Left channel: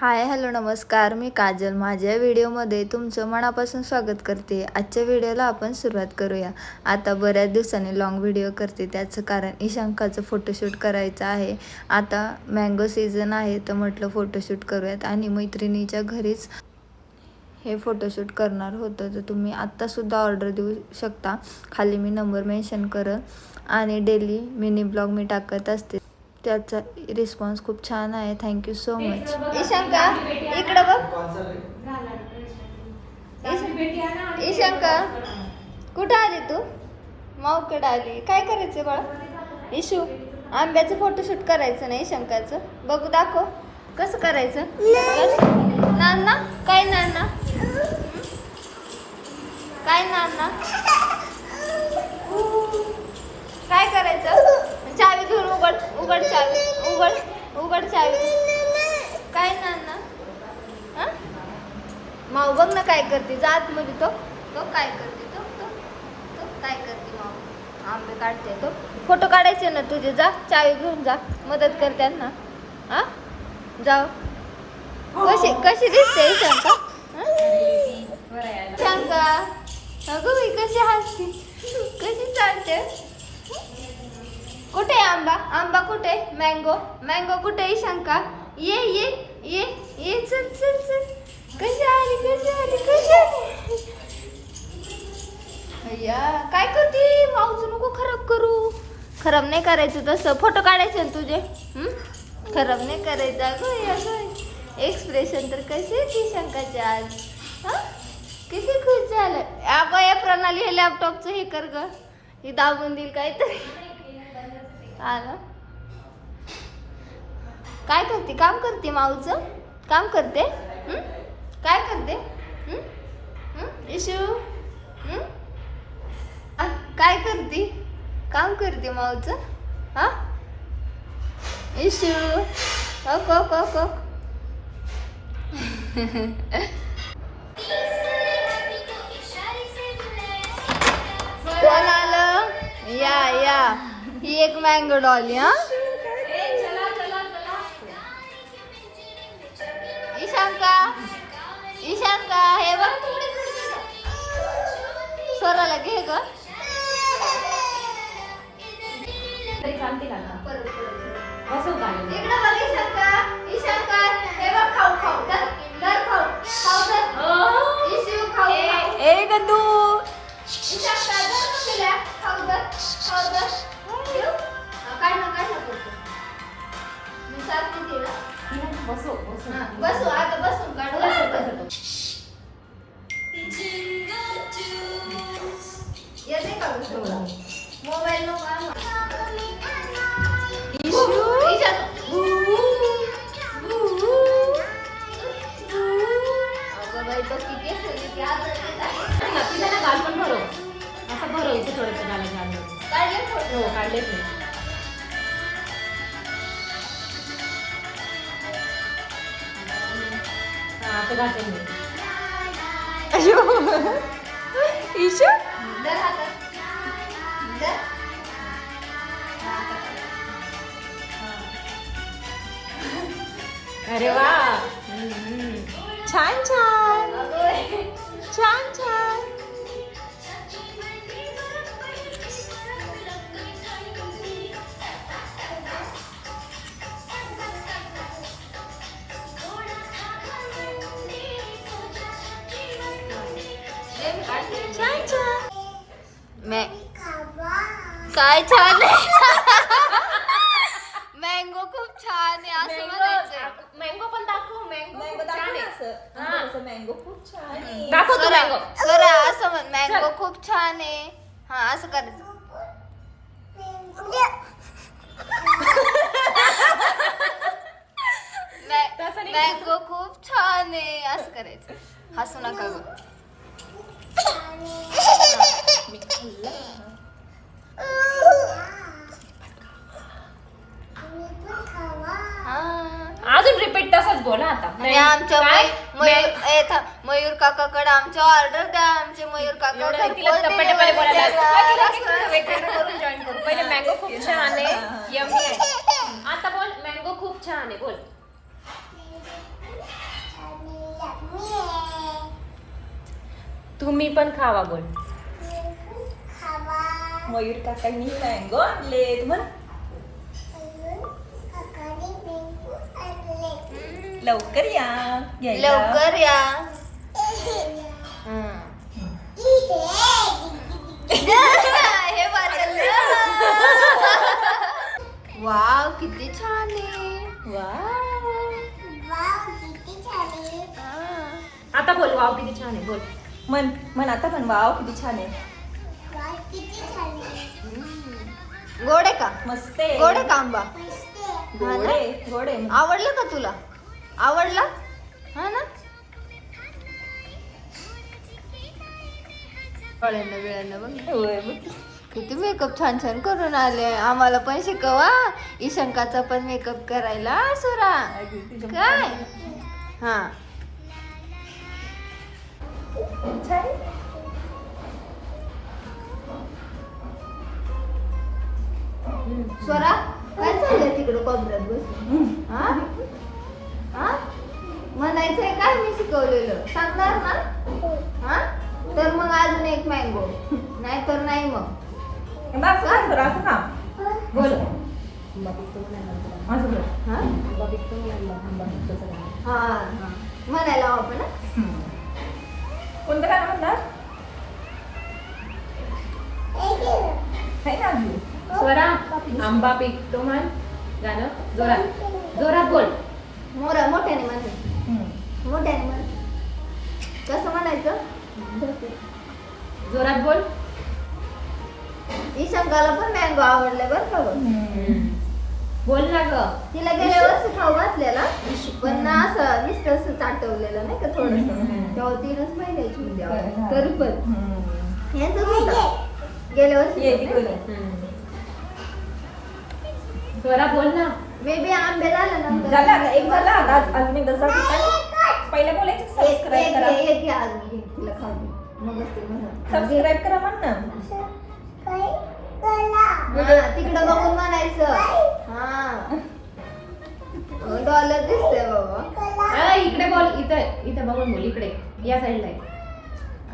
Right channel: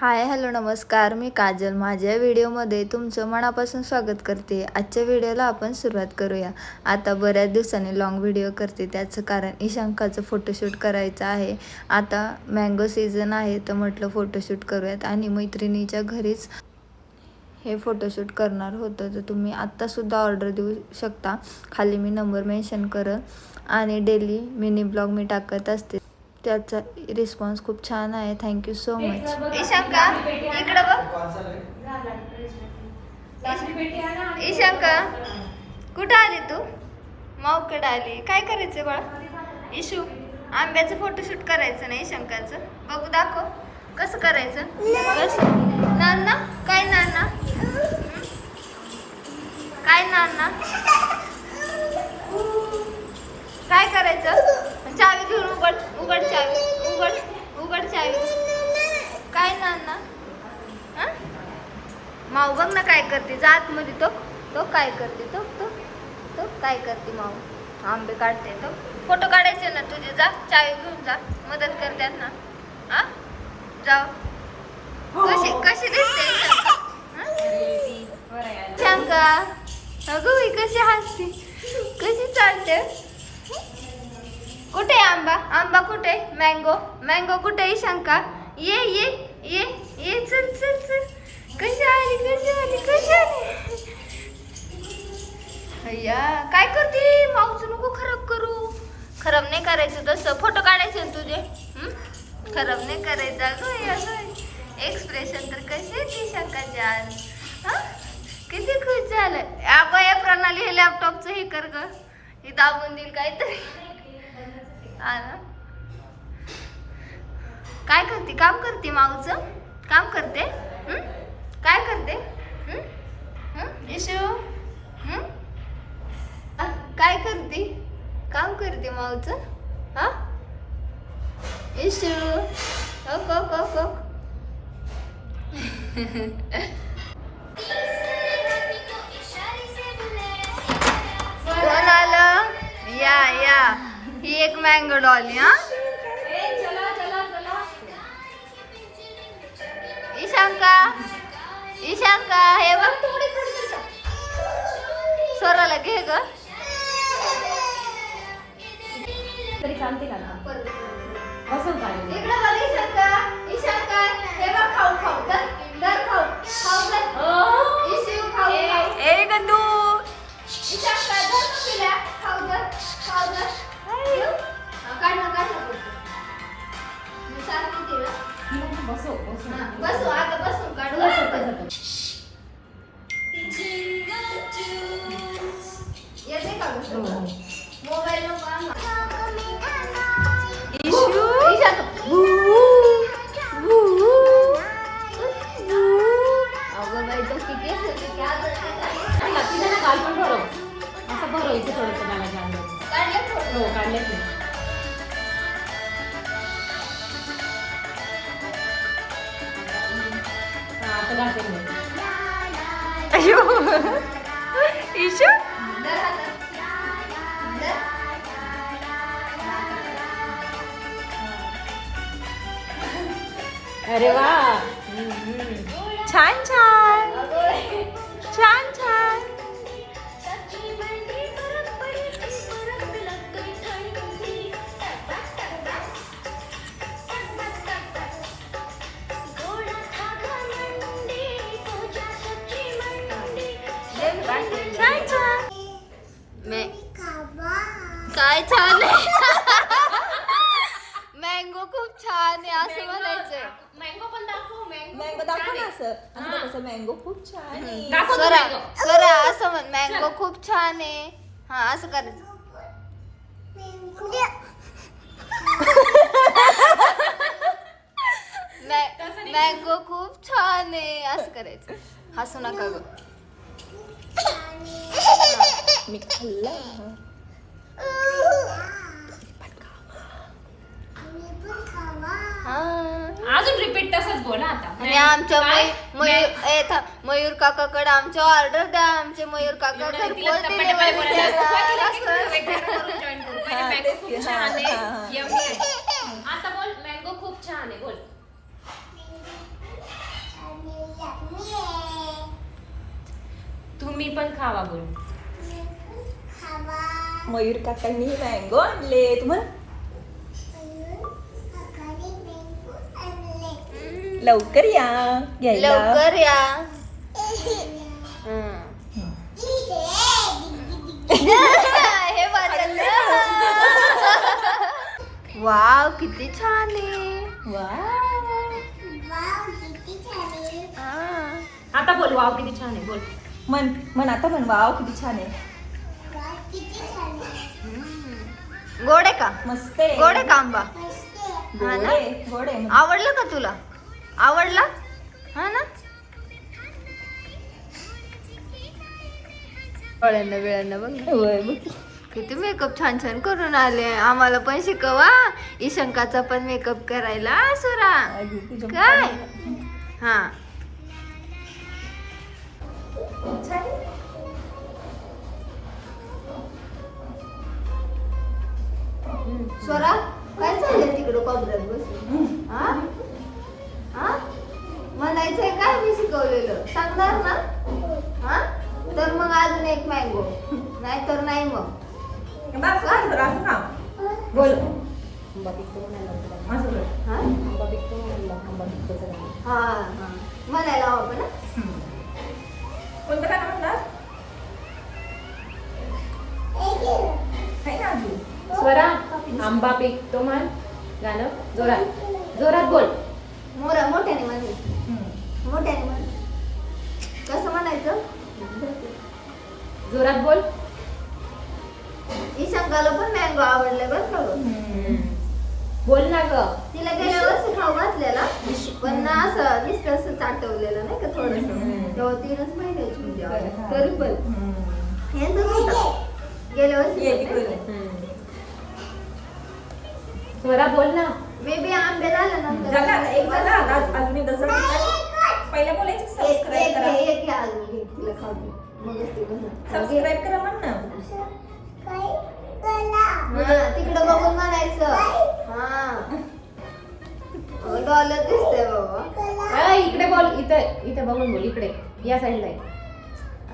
Hi hello नमस्कार, मी काजल. माझ्या व्हिडिओमध्ये तुमचं मनापासून स्वागत करते. आजच्या व्हिडिओला आपण सुरुवात करूया. आता बऱ्याच दिवसांनी लॉंग व्हिडिओ करते, त्याचं कारण ईशांकाचं फोटोशूट करायचं आहे. आता मँगो सीझन आहे तर म्हटलं फोटोशूट करूयात आणि मैत्रिणीच्या घरीच हे फोटोशूट करणार होतं. तर तुम्ही आत्तासुद्धा ऑर्डर देऊ शकता. खाली मी नंबर मेन्शन करत आणि डेली मिनी ब्लॉग मी टाकत असते. त्याचा रिस्पॉन्स खूप छान आहे. Thank you so much. ईशांका इकडं बघ. ईशांका कुठं आली तू? माऊकडे आली. काय करायचं बाळा? इशू आंब्याचं फोटोशूट करायचं नाही ईशांकाचं. बघू दाखव कसं करायचं. नाना काय नाना काय नाना काय करायचं? चावी घेऊन उघड चावी उघड चावी. काय नाना माऊ बघ ना काय करते. जात मध्ये तो काय करते. तो काय करते. माऊ आंबे काढते. तो फोटो काढायचे ना तुझे. जा चावी घेऊन जा. मदत करते ना. जाओ. कशी दिसते शंका? अगं ही कशी हसते, कशी चालते. कुठे आंबा कुठे? मँगो कुठे? शंका ये चल. कशी आली अय्या काय करते? माऊचं नको खराब करू. खराब नाही करायचं तसं. फोटो काढायचे ना तुझे. खराब नाही करायचं. एक्सप्रेशन तर कशी ती शंकाची आज. किती खुश झालं. या प्रणाली हे लॅपटॉपचं हे कर ग. हे दाबून देईल काहीतरी. काय करते? काम करते. माऊचं काम करते. काय करते? इशू काय करते? काम करते माऊचं. इशू ओक कोण आलं? या ही एक मँगो डॉली. ईशांका हे बघ. स्वराला घे ग. इकडं बघ ईशांका हे बघ. खाऊ दर खाऊ इशू खाऊ. ए गंदू ईशांका दर खाऊ दर काढ ना पुढचं. मी सारखी दिला. बसू आता बसून काढू. येते का मोबाईल गाल पण भरव असं भरव. इथे थोडंसं गालाच्या अंदर काढले इशू अरे वा छान. काय छान आहे. मँगो खूप छान आहे असं म्हणायचंय. मँगो पण दाखव. मँगो खूप छान आहे. स्वरा असं म्हण. मँगो खूप छान आहे. असं करायचं. मँगो खूप छान आहे असं करायचं. हसू नका ग. मी खाल्लं. अजून रिपीट तसंच बोला आता. आणि आमच्या मयूर काकाकडे आमच्या ऑर्डर द्या. आमचे मयूर काका घरपोच डिलिव्हरी देणार. मँगो खूप छान आहे. आता बोल मँगो खूप छान आहे. बोल तुम्ही पण खावा गोड. मयूर काकांनी मँगो आणले तुम्हाला. लवकर या घ्यायला. लवकर या. हे वाव किती छान आहे. हा. आता बोल वाव किती छान आहे बोल. मन मन आता पण वाव किती छान आहे. गोड आहे का? मस्त आहे. गोड आहे का आंबा? गोड हा ना? आहे, गोड आहे. आवडलं का तुला? आवडला हा ना. वेळानं बघ किती मेकअप छान छान करून आले. आम्हाला पण शिकवा ईशंकाचा पण मेकअप करायला सुरा. काय हा स्वरा काय चाललंय तिकडं कोपऱ्यात बसून? हा हा म्हणायचंय काय मी शिकवलेलं सांगणार ना. हा तर मग अजून एक मँगो नाही तर नाही मग. बस बस बरं, असं का बोल. असं कर. हा हा हा म्हणायला हवं आपण हा? कोणतं गाणं म्हणतात? आहे ना अजून. स्वरा आंबा पिकतो म्हण गाणं जोरात जोरात बोल. मोठ्याने म्हणायचं. मोठ्याने म्हण. कसं म्हणायचं? जोरात बोल. ईशंकाला पण मँगो आवडलाय बरं का गं. बोल ना ग. तिला गेल्या वर्षी खाऊ घातलेला पण ना असं नुसतं असं चाटवलेलं नाही का थोडस. तेव्हा 3च महिन्याची होती आवड. तरी पण यांचंच होता गेल्या ये वर्षी. तिकडे. जोरात बोल ना. बेबी आंबे झाल्यानंतर झाला आता, एक झाला आता. अजून एकदा जाते. पहिला बोलायचं सबस्क्राईब करा. एक घे अजून घे तिला खाऊ दे. मगच ते म्हणत. सबस्क्राईब करा म्हण ना. हा, तिकडं बघून म्हणायचं. हा डॉलर दिसतंय बाबा. इकडे बोल. इथे इथे बघून बोल. इकडे या साईडला आहे.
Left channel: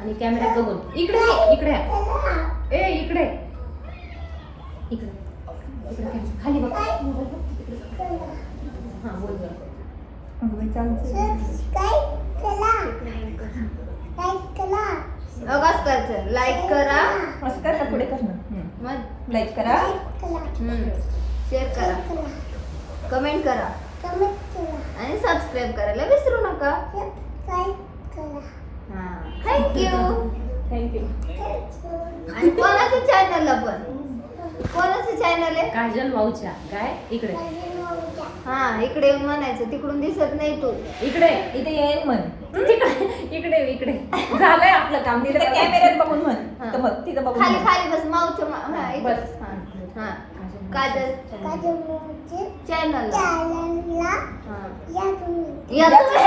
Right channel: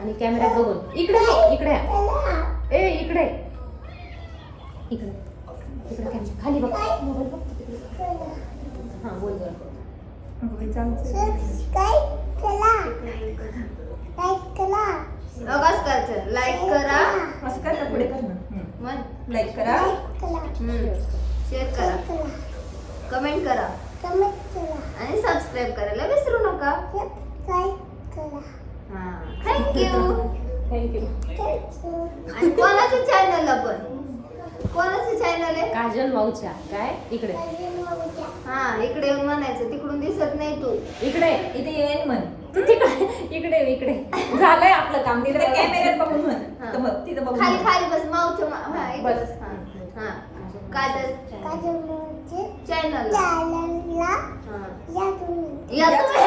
आणि कॅमेऱ्यात बघून इकडे इकडे ए इकडे इकडे इकडे खाली बघ. मोबाईल बघ तिकडे. हा बोल बोल. करायचं लाईक करा. असं कर ना, पुढे कर ना. मग लाईक करा, शेअर करा, कमेंट करा आणि सबस्क्राईब करायला विसरू नका. हा थँक्यू. थँक्यू. आणि कोणाच्या चॅनलला पण कोणाचं चॅनल आहे? काजल भाऊच्या काय इकडे. हा इकडे येऊन म्हणायचं. तिकडून दिसत नाही तू. इकडे इथे येईन म्हण. इकडे इकडे झालंय आपलं काम. तिकडे कॅमेऱ्यात बघून म्हण. हा. तर बघ तिथं बघून खाली म्हण. खाली बस माऊच्या हा इथं बस. बस. हा हा काजल चॅनल. हा या तुम्ही.